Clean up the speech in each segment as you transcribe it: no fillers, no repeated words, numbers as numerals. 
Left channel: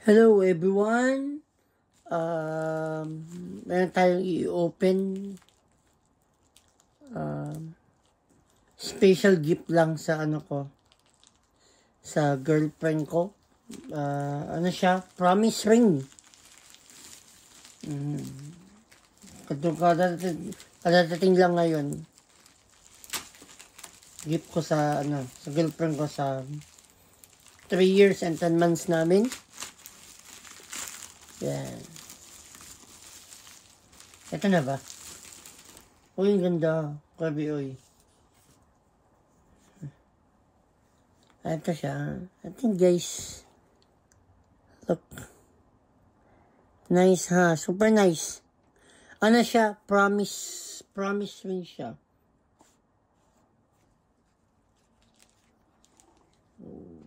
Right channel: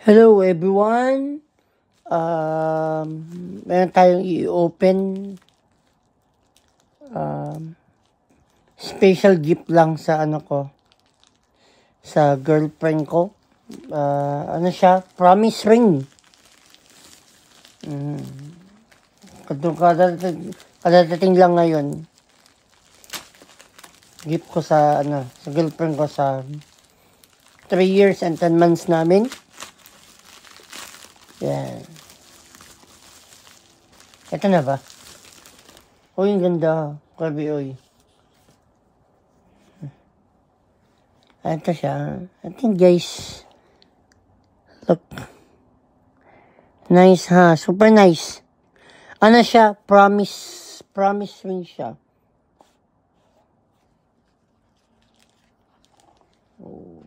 Hello everyone. Meron tayong i-open. Special gift lang sa sa girlfriend ko. Ano siya? Promise ring. Kadadating lang ngayon. Gift ko sa girlfriend ko sa 3 years and 10 months namin. Yan. Ito na ba? Uy, ang ganda. Grabe, uy. Ito siya. I think, guys. Look. Nice, ha? Super nice. Ano siya? Promise ring siya. Oh.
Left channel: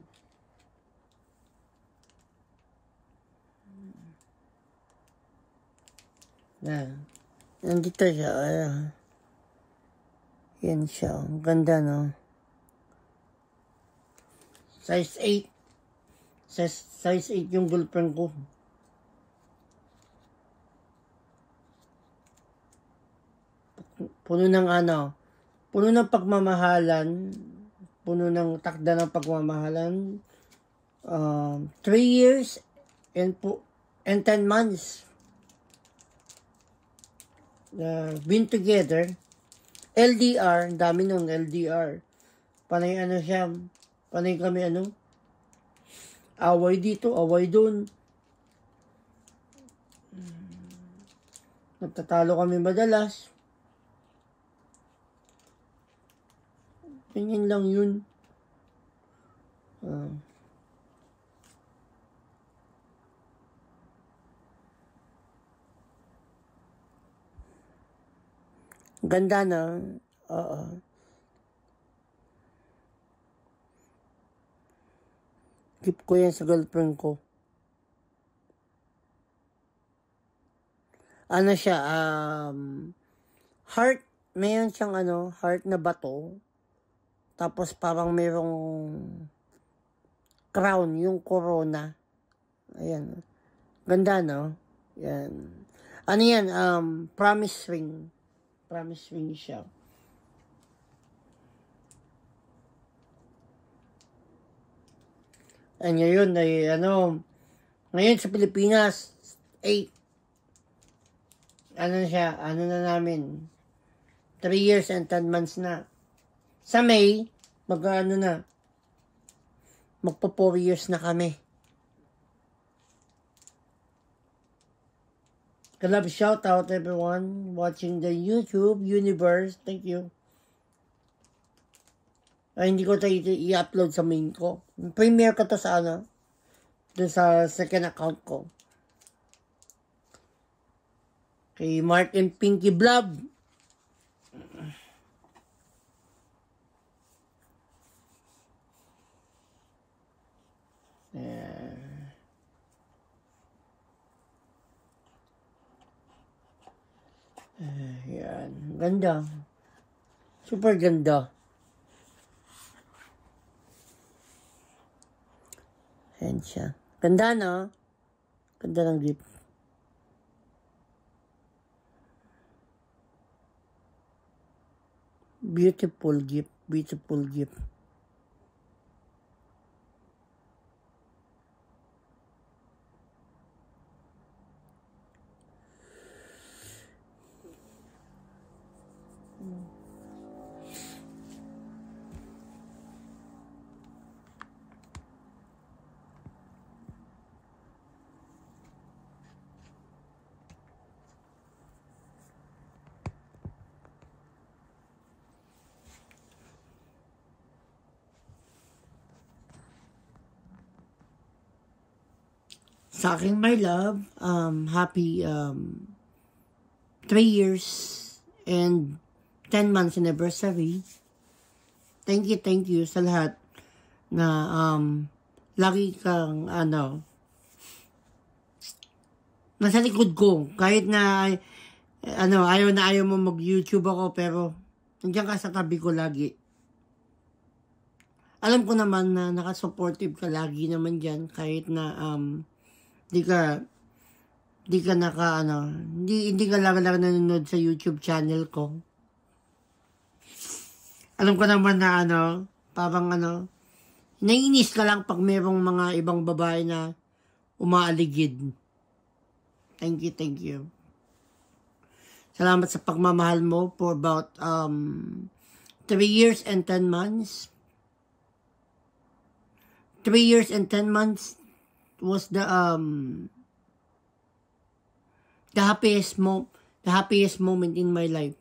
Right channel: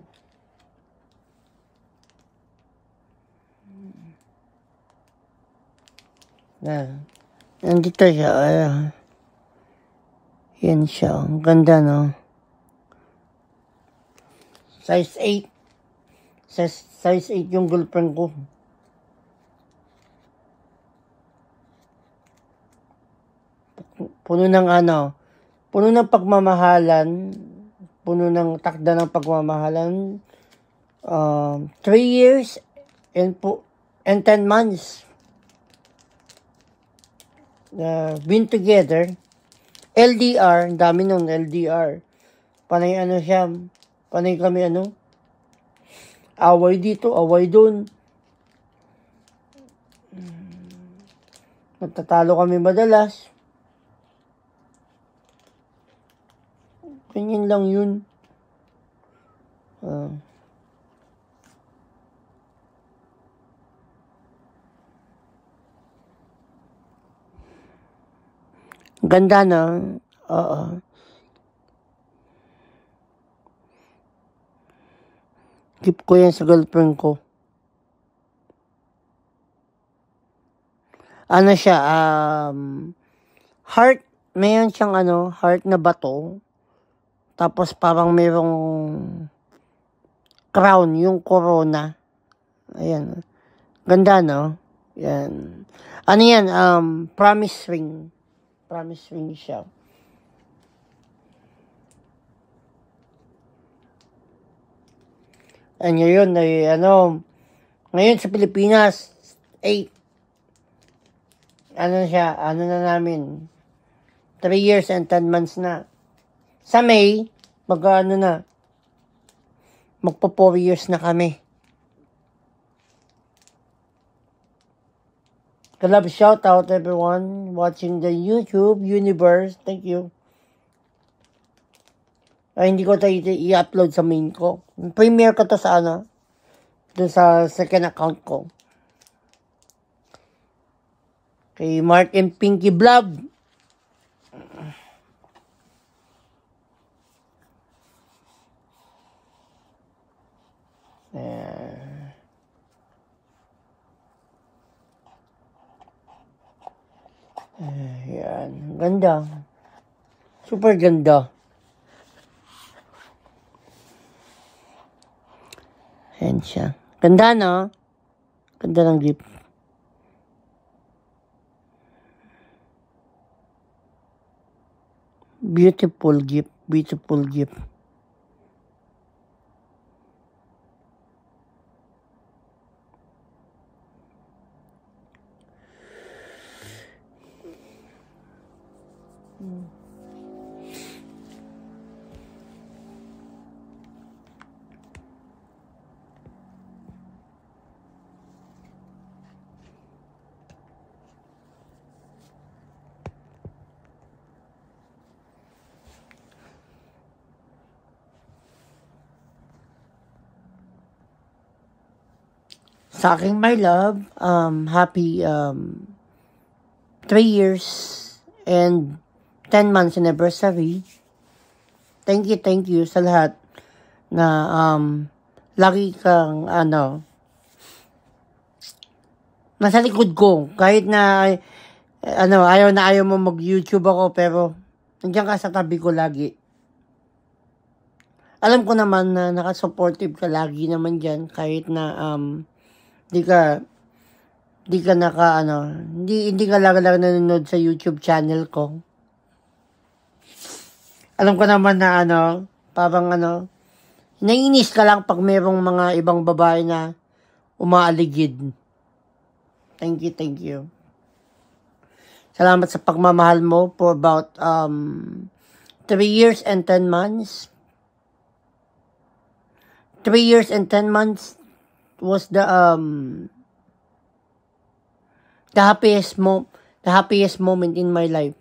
Yan. Nandito siya. Yan siya. Ang ganda, no? Size 8. Size 8 yung girlfriend ko. Puno ng pagmamahalan. Puno ng takda ng pagmamahalan. 3 years and 10 months. Been together. LDR, dami nung LDR. Panay siya, panay kami away dito, away doon. Nagtatalo kami madalas. Ganyan lang yun. Ganda na. Oo. Gift ko yan sa girlfriend ko. Ano siya, heart, mayroon siyang heart na bato. Tapos parang mayroong crown, yung corona. Ayan. Ganda, no? Yan. Ano yan? Promise ring. Promise ring siya. Ngayon ay ngayon sa Pilipinas 8 siya, na namin 3 years and 10 months na. Sa May magpo 4 years na kami. Love, shout out everyone watching the YouTube universe. Thank you. Ay, hindi ko tayo i-upload sa main ko. Premiere ko to sa dun sa second account ko. Kay Mark and Pinky Vlog. Yan. Ganda. Super ganda. Yan siya. Ganda, no? Ganda ng gift. Beautiful gift. Beautiful gift. Sa aking my love, happy 3 years and 10 months anniversary. Thank you sa lahat na lagi kang nasa likod ko. Kahit na ayaw mo mag-YouTube ako, pero nandiyan ka sa tabi ko lagi. Alam ko naman na nakasupportive ka lagi naman dyan, kahit na Hindi ka hindi ka lang nanonood sa YouTube channel ko. Alam ko naman na parang naiinis ka lang pag mayroong mga ibang babae na umaaligid. Thank you. Salamat sa pagmamahal mo for about 3 years and 10 months. 3 years and 10 months was the happiest moment in my life.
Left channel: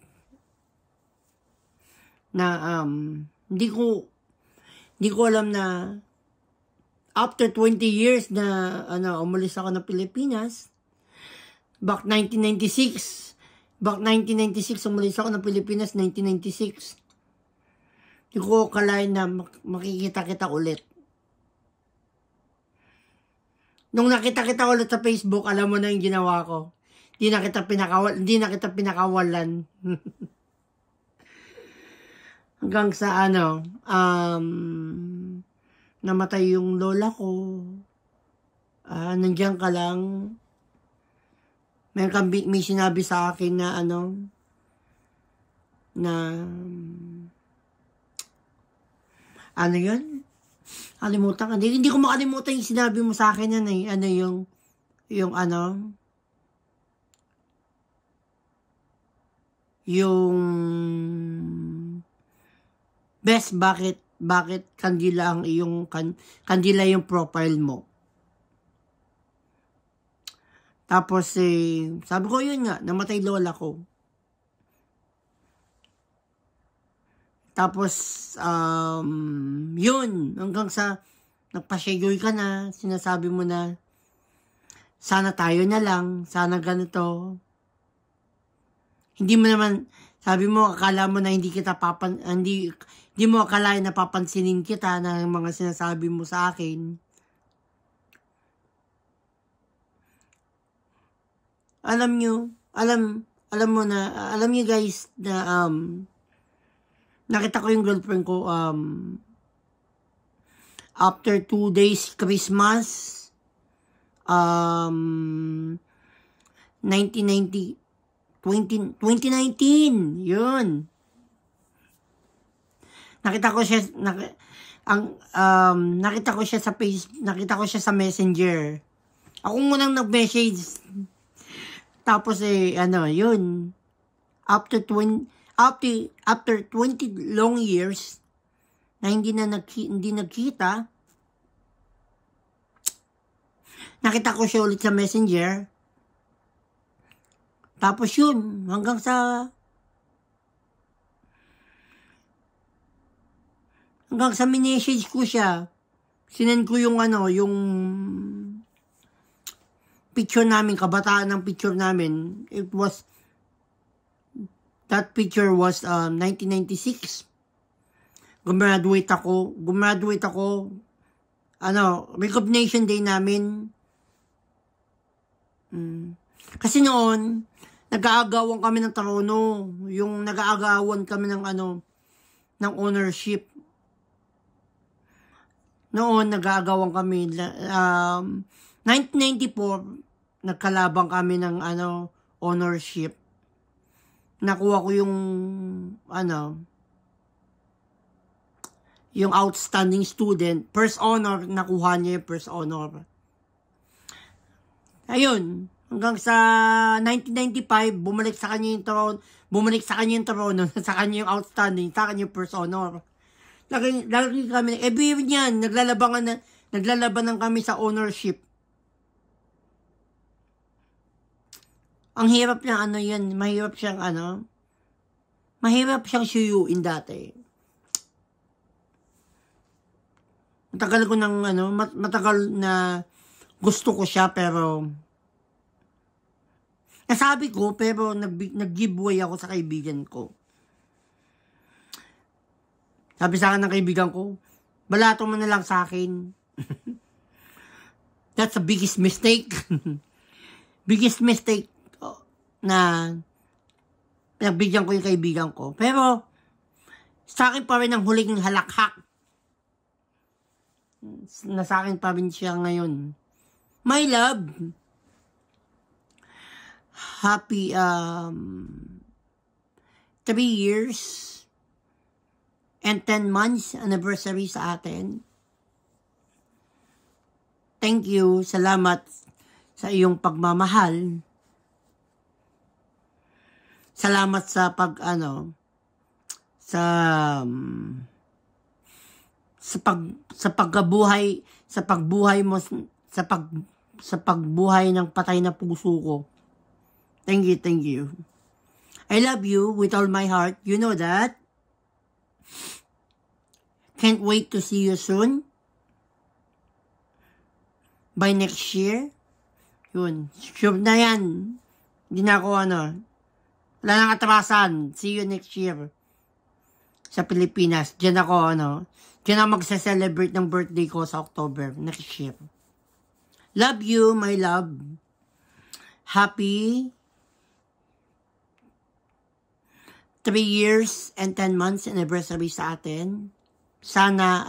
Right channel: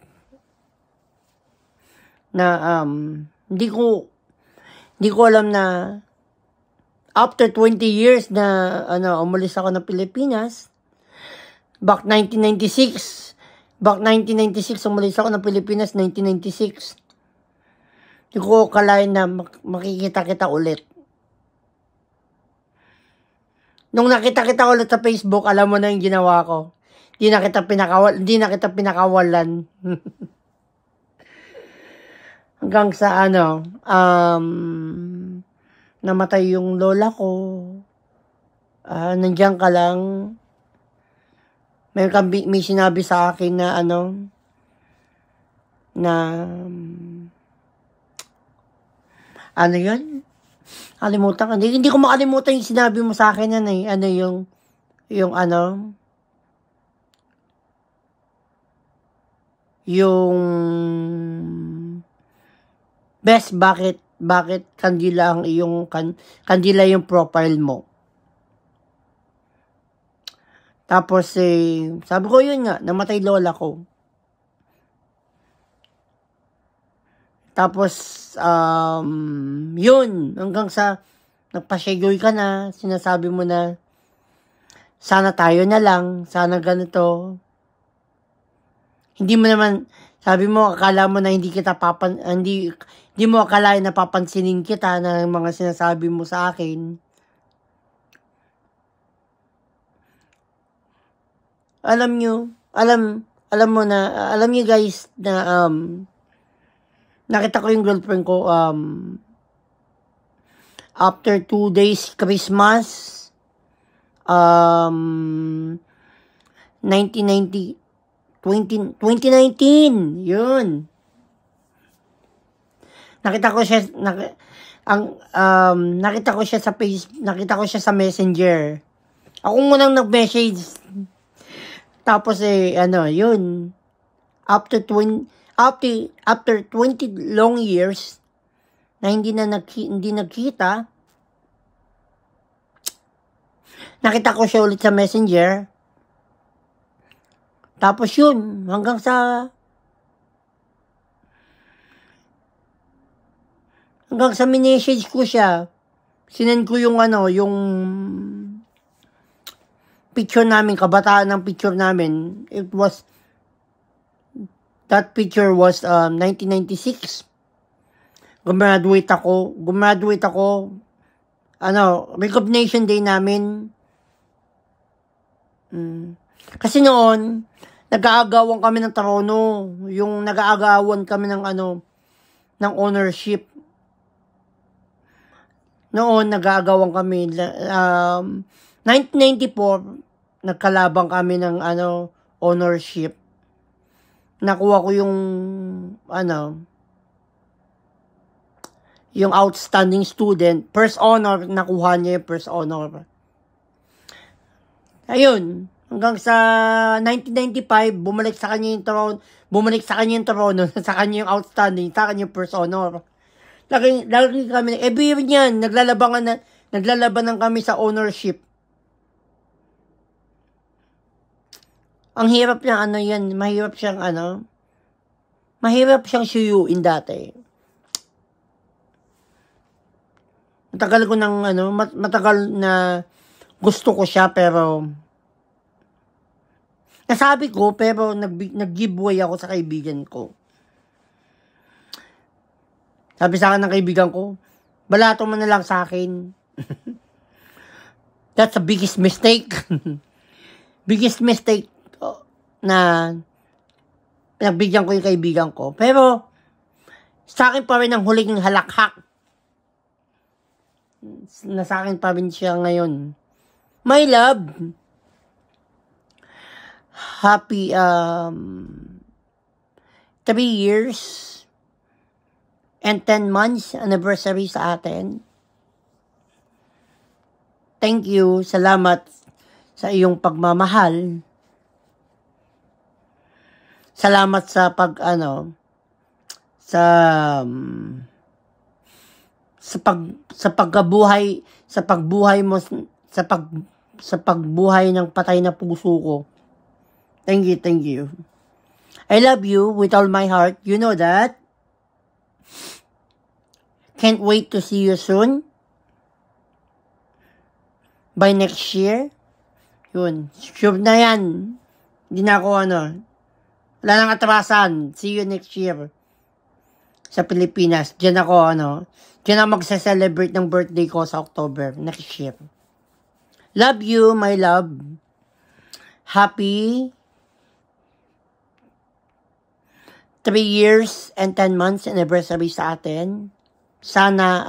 Na hindi ko alam na after 20 years na umalis ako ng Pilipinas, back 1996 umalis ako ng Pilipinas, 1996. Hindi ko kalain na makikita kita ulit. Nung nakita kita ulit sa Facebook, alam mo na yung ginawa ko. Hindi na kita pinakawalan. Hanggang sa namatay yung lola ko. Nandiyan ka lang. May sinabi sa akin na yun? Kalimutan ka. Hindi ko makalimutan yung sinabi mo sa akin yan eh. Yung best, bakit kandila ang kandila yung profile mo. Tapos sabi ko yun nga, namatay lola ko. Tapos yun, hanggang sa nagpasyagoy ka na, sinasabi mo na sana tayo na lang, sana ganito. Hindi mo naman, sabi mo, akala mo na hindi mo akalain na papansinin kita ng mga sinasabi mo sa akin. Alam nyo guys na nakita ko yung girlfriend ko after 2 days Christmas 2019 yun. Nakita ko siya sa Messenger. Ako munang nag-message. Tapos yun. After 20 long years na hindi nagkita, nakita ko siya ulit sa Messenger. Tapos yun, hanggang sa minessage ko siya. Sinend ko yung picture namin, kabataan ng picture namin. That picture was 1996. Gumraduate ako. Recognition day namin. Kasi noon, nag-aagawan kami ng trono. Yung nag-aagawan kami ng ng ownership. Noon, nag-aagawan kami. 1994, nagkalabang kami ng ownership. Nakuha ko yung yung outstanding student. First honor, nakuha niya yung first honor. Ayun. Hanggang sa 1995, bumalik sa kanya yung trono, sa kanya yung outstanding, sa kanya yung first honor. Lagi kami, every niyan, naglalabanan kami sa ownership. Ang hirap niya, mahirap siyang suyuin dati. Matagal na gusto ko siya, pero nasabi ko, pero nag-giveaway ako sa kaibigan ko. Sabi sa akin ng kaibigan ko, balato mo na lang sa akin. That's the biggest mistake. Biggest mistake na pinagbigyan ko yung kaibigan ko. Pero, sa akin pa rin ang huling halakhak. Na sa akin pa rin siya ngayon. My love, happy 3 years and 10 months anniversary sa atin. Thank you, salamat sa iyong pagmamahal. Salamat sa pagbuhay mo sa pagbuhay ng patay na puso ko. Thank you. I love you with all my heart. You know that. Can't wait to see you soon. By next year. Yun. Sure na yan. Hindi na ako wala nang atrasan. See you next year. Sa Pilipinas. Diyan ako diyan ako magsa-celebrate ng birthday ko sa October next year. Love you, my love. Happy 3 years and 10 months anniversary sa atin. Sana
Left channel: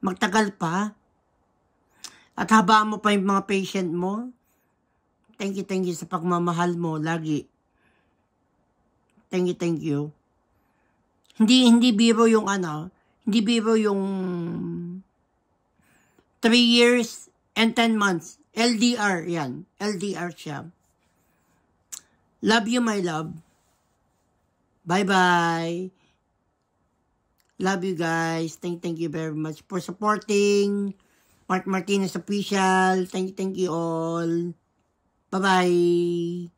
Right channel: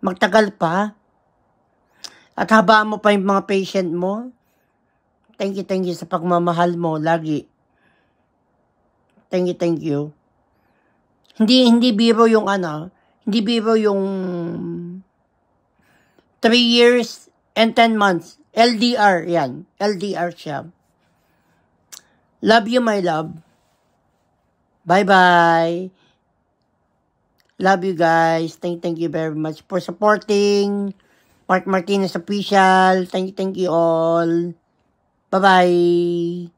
magtagal pa. At habaan mo pa yung mga patient mo. Thank you sa pagmamahal mo lagi. Thank you. Hindi biro yung hindi biro yung 3 years and 10 months. LDR yan. LDR siya. Love you, my love. Bye-bye. Love you guys. Thank you very much for supporting Mark Martinez Official. Thank you all. Bye-bye.